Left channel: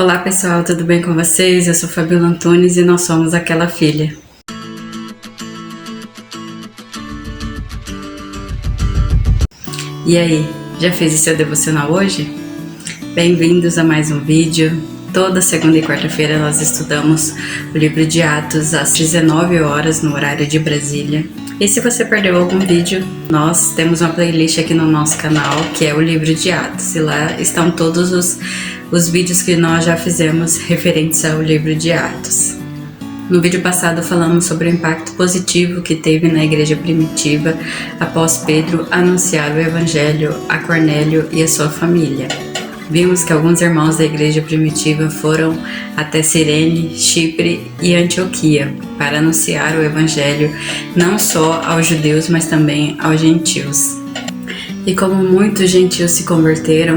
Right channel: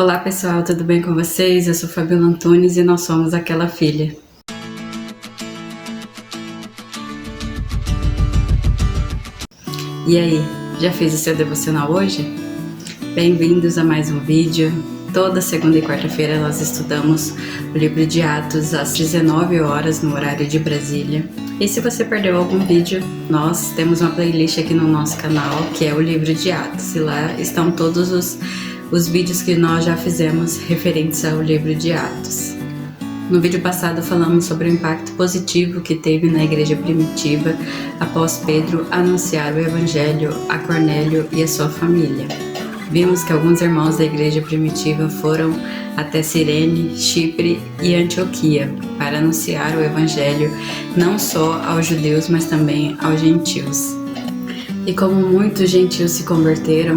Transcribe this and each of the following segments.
Olá pessoal, tudo bem com vocês? Eu sou Fabiola Antunes e nós somos Aquela Filha. E aí, já fez o seu devocional hoje? Bem-vindos a mais um vídeo. Toda segunda e quarta-feira nós estudamos o livro de Atos às 19 horas no horário de Brasília. E se você perdeu algum vídeo, nós temos uma playlist aqui no nosso canal que é o livro de Atos. E lá estão todos os vídeos que nós já fizemos referentes ao livro de Atos. No vídeo passado falamos sobre o impacto positivo que teve na igreja primitiva após Pedro anunciar o evangelho a Cornélio e a sua família. Vimos que alguns irmãos da igreja primitiva foram até Cirene, Chipre e Antioquia para anunciar o evangelho não só aos judeus, mas também aos gentios. E como muitos gentios se converteram,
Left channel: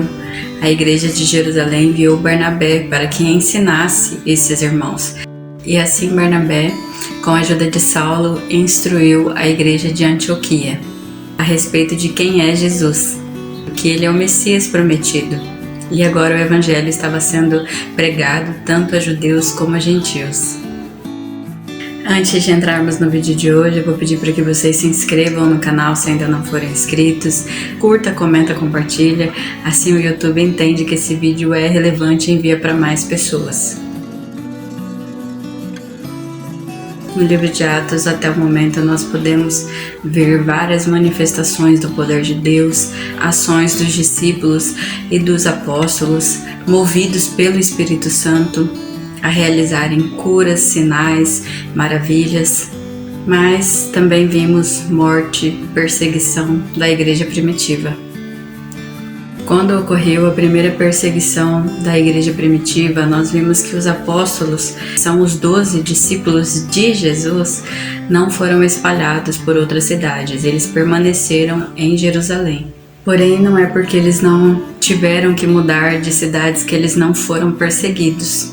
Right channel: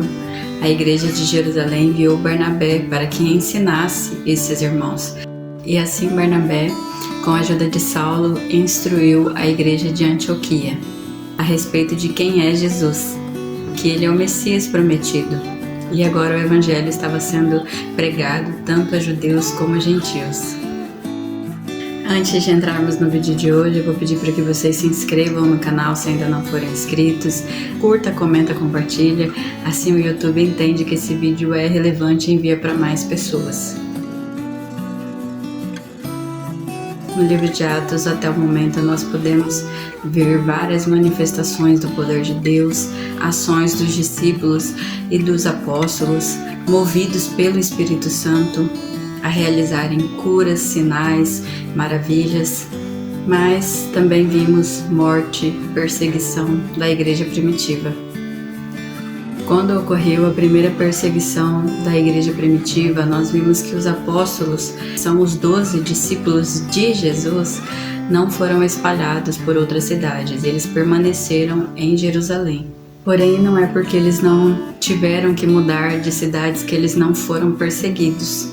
a igreja de Jerusalém enviou Barnabé para que ensinasse esses irmãos. E assim Barnabé, com a ajuda de Saulo, instruiu a igreja de Antioquia a respeito de quem é Jesus, que ele é o Messias prometido. E agora o evangelho estava sendo pregado tanto a judeus como a gentios. Antes de entrarmos no vídeo de hoje, eu vou pedir para que vocês se inscrevam no canal se ainda não forem inscritos, curta, comenta, compartilha, assim o YouTube entende que esse vídeo é relevante e envia para mais pessoas. No livro de Atos, até o momento, nós podemos ver várias manifestações do poder de Deus, ações dos discípulos e dos apóstolos, movidos pelo Espírito Santo, a realizarem curas, sinais, maravilhas, mas também vimos morte, perseguição da igreja primitiva. Quando ocorreu a primeira perseguição da igreja primitiva, nós vimos que os apóstolos, que são os 12 discípulos de Jesus, não foram espalhados por outras cidades, eles permaneceram em Jerusalém. Porém, não é porque eles não tiveram que mudar de cidades que eles não foram perseguidos.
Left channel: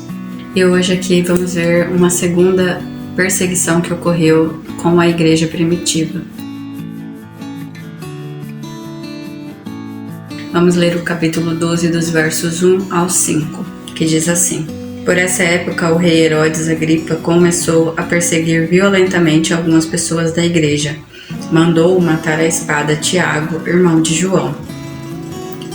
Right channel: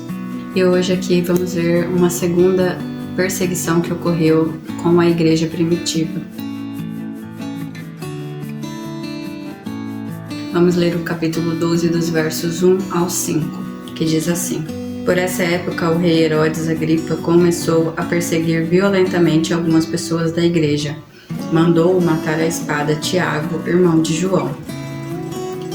E hoje aqui vamos ver uma segunda perseguição que ocorreu com a igreja primitiva. Vamos ler o capítulo 12 dos versos 1 ao 5, que diz assim: Por essa época, o rei Herodes Agripa começou a perseguir violentamente algumas pessoas da igreja. Mandou matar à espada Tiago, irmão de João.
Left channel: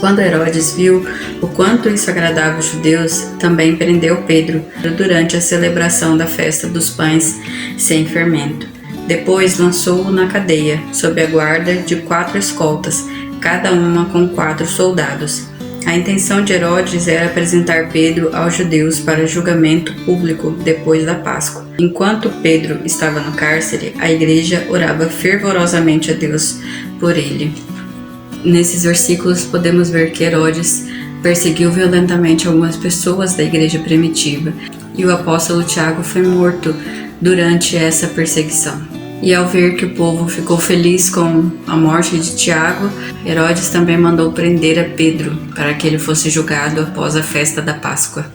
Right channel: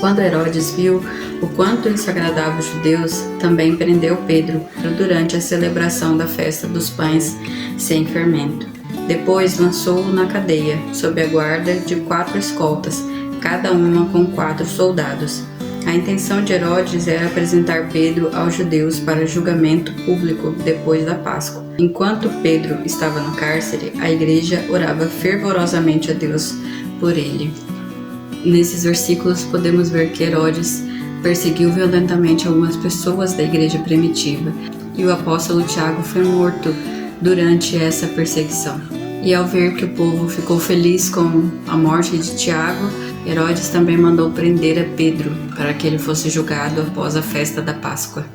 Quando Herodes viu o quanto isso agradava os judeus, também prendeu Pedro durante a celebração da festa dos pães sem fermento. Depois lançou-o na cadeia, sob a guarda de 4 escoltas, cada uma com 4 soldados. A intenção de Herodes era apresentar Pedro aos judeus para julgamento público depois da Páscoa. Enquanto Pedro estava no cárcere, a igreja orava fervorosamente a Deus por ele. Nesses versículos podemos ver que Herodes perseguiu violentamente algumas pessoas da igreja primitiva e o apóstolo Tiago foi morto durante essa perseguição. E ao ver que o povo ficou feliz com a morte de Tiago, Herodes também mandou prender a Pedro para que ele fosse julgado após a festa da Páscoa.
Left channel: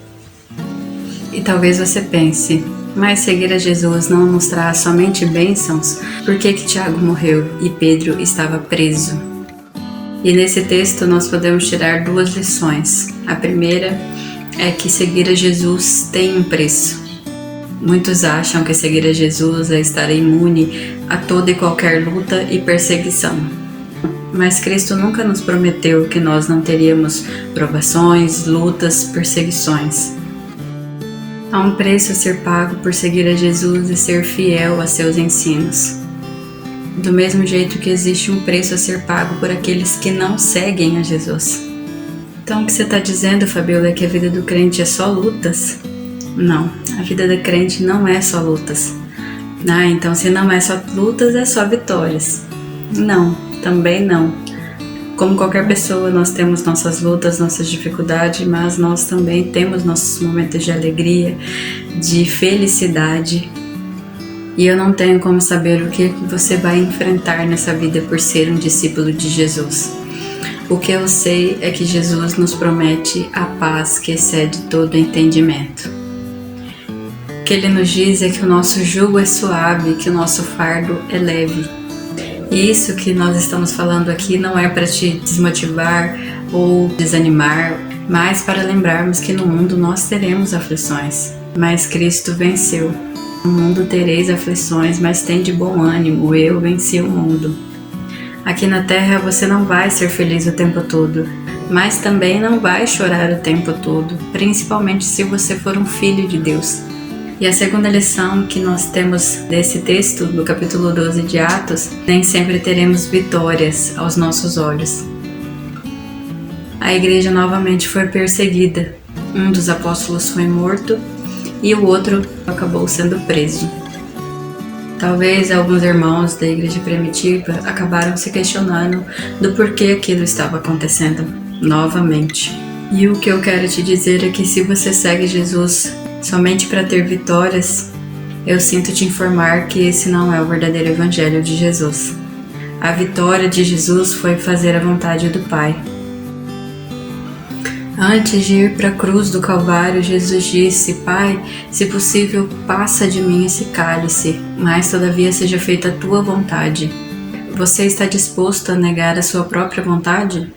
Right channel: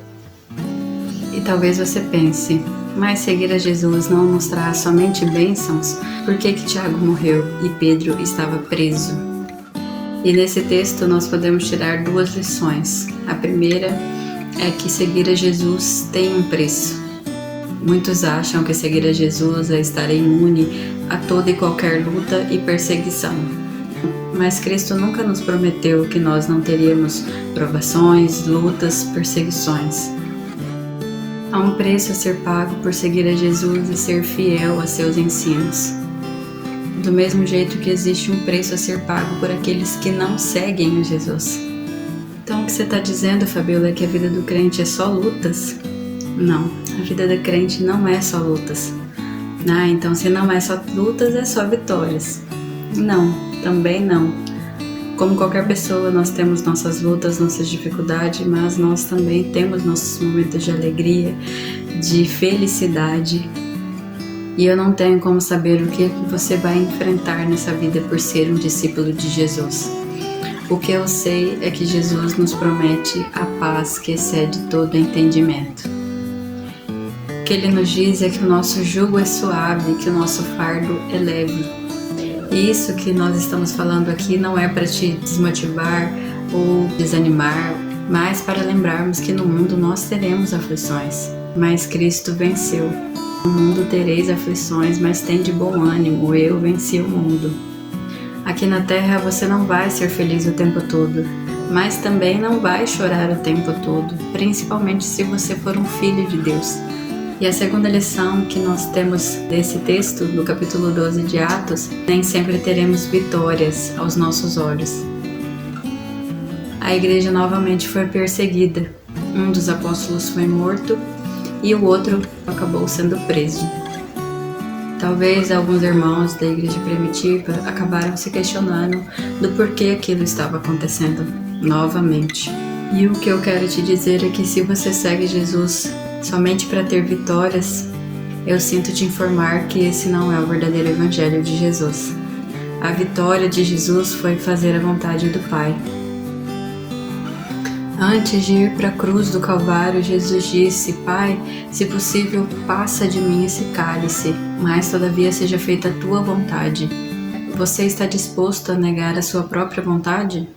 E talvez você pense, mas seguir a Jesus não nos traz somente bênçãos? Por que Tiago morreu e Pedro estava preso? E nesse texto nós podemos tirar 2 lições. A primeira é que seguir a Jesus tem um preço. Muitos acham que seguir a Jesus é estar imune a toda e qualquer luta e perseguição. Mas Cristo nunca nos prometeu que nós não teríamos provações, lutas, perseguições. Há um preço a ser pago por seguir a Jesus e ser fiel a seus ensinos. Do mesmo jeito que existe um preço a ser pago por aqueles que não seguem a Jesus. Então o que você está dizendo, Fabiola, é que a vida do crente é só lutas? Não, a vida do crente não é só lutas. Então se não é só lutas, é só vitórias. Não, também não. Como qualquer pessoa, nós temos nossas lutas, nossas dificuldades, mas nós também temos nossos momentos de alegria, de felicidade. E eu não tenho como saber o que você vai enfrentar nessa vida por ser um discípulo de Jesus. O que eu sei é que Jesus nos promete a paz que excede todo entendimento. O que Ele nos diz é que o nosso jugo é suave, que o nosso fardo é leve. E isso que nós estamos falando aqui não é para te desmotivar ou desanimar, mas para lembrarmos que no mundo nós teremos aflições, mas Cristo venceu. No mundo tereis aflições, mas tende bom ânimo, eu venci o mundo. Aqui na terra você não vai ser feliz o tempo todo, mas também não vai chorar o tempo todo, principalmente se você for um filho de Deus. E a segunda lição que nós temos desse texto, do capítulo 12 de Atos, nem sempre teremos vitórias aos nossos olhos. A igreja novamente foi perseguida. Um dos apóstolos foi morto e o outro acabou sendo preso. Talvez alguns irmãos da igreja primitiva acabaram se questionando do porquê aquilo estava acontecendo novamente. E o que eu quero te dizer é que se você segue Jesus somente para ter vitórias, eu sinto te informar que esse não é o verdadeiro evangelho de Jesus. A vitória de Jesus foi fazer a vontade do Pai. Antes de ir para a cruz do Calvário, Jesus disse: Pai, se possível, passa de mim esse cálice, mas todavia seja feita a tua vontade. Você está disposto a negar a sua própria vontade?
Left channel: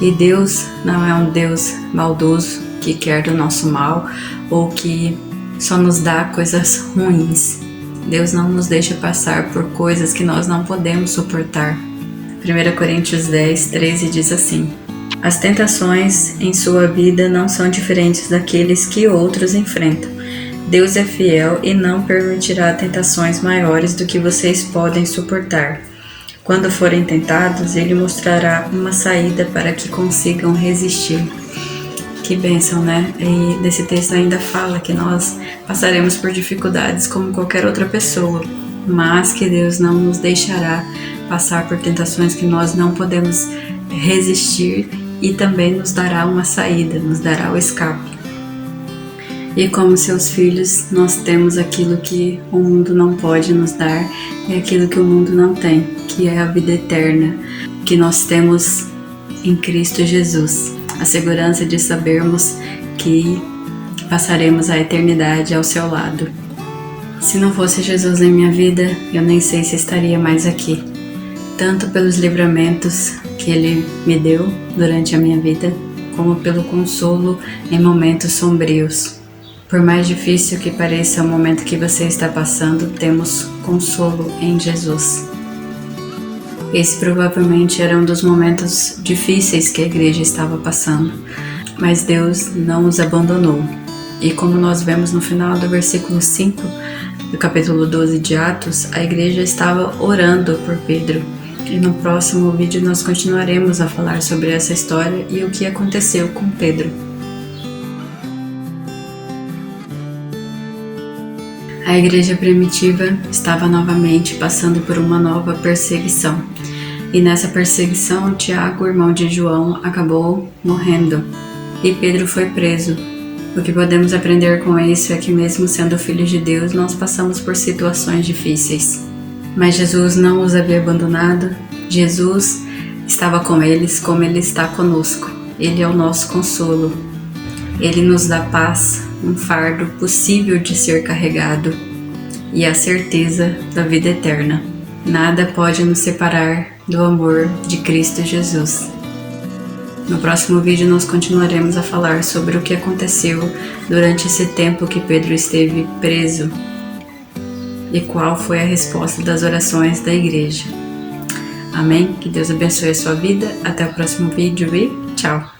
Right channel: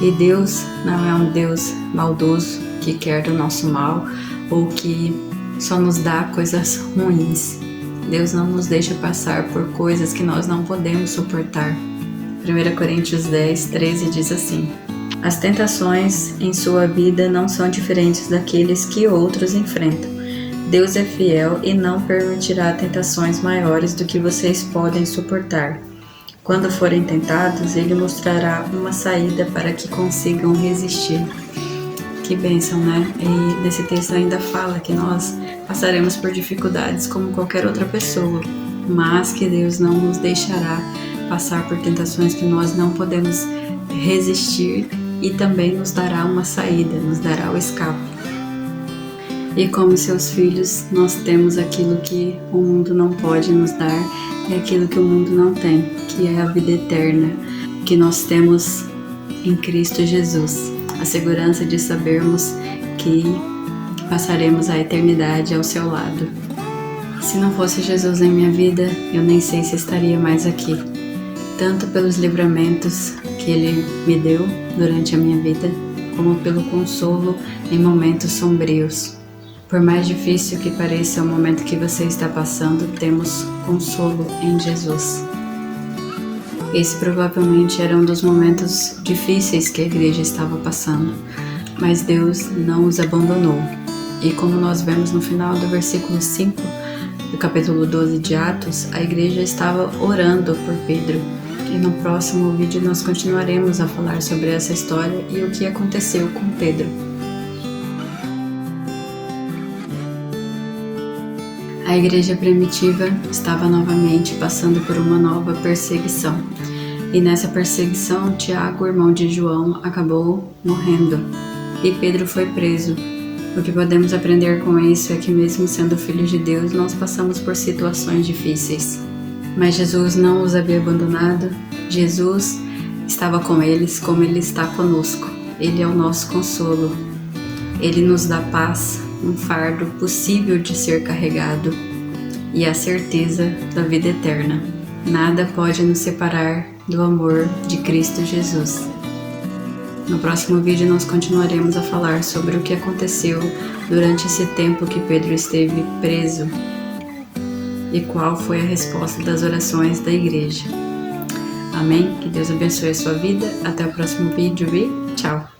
E Deus não é um Deus maldoso que quer do nosso mal ou que só nos dá coisas ruins. Deus não nos deixa passar por coisas que nós não podemos suportar. 1 Coríntios 10, 13 diz assim: As tentações em sua vida não são diferentes daqueles que outros enfrentam. Deus é fiel e não permitirá tentações maiores do que vocês podem suportar. Quando forem tentados, Ele mostrará uma saída para que consigam resistir. Que bênção, né? E desse texto ainda fala que nós passaremos por dificuldades como qualquer outra pessoa, mas que Deus não nos deixará passar por tentações que nós não podemos resistir e também nos dará uma saída, nos dará o escape. E como seus filhos, nós temos aquilo que o mundo não pode nos dar e aquilo que o mundo não tem, que é a vida eterna, que nós temos em Cristo Jesus. A segurança de sabermos que passaremos a eternidade ao seu lado. Se não fosse Jesus em minha vida, eu nem sei se estaria mais aqui. Tanto pelos livramentos que Ele me deu durante a minha vida, como pelo consolo em momentos sombrios. Por mais difícil que pareça o momento que você está passando, temos consolo em Jesus. Esse provavelmente era um dos momentos difíceis que a igreja estava passando, mas Deus não os abandonou. E como nós vemos no final do versículo 5 do capítulo 12 de Atos, a igreja estava orando por Pedro. E no próximo vídeo nós continuaremos a falar sobre essa história e o que aconteceu com Pedro. A igreja primitiva estava novamente passando por uma nova perseguição. E nessa perseguição, Tiago, irmão de João, acabou morrendo. E Pedro foi preso. O que podemos aprender com isso é que mesmo sendo filhos de Deus, nós passamos por situações difíceis. Mas Jesus não os havia abandonado. Jesus estava com eles como Ele está conosco. Ele é o nosso consolo. Ele nos dá paz, um fardo possível de ser carregado e a certeza da vida eterna. Nada pode nos separar do amor de Cristo Jesus. No próximo vídeo nós continuaremos a falar sobre o que aconteceu durante esse tempo que Pedro esteve preso e qual foi a resposta das orações da igreja. Amém? Que Deus abençoe a sua vida. Até o próximo vídeo e tchau!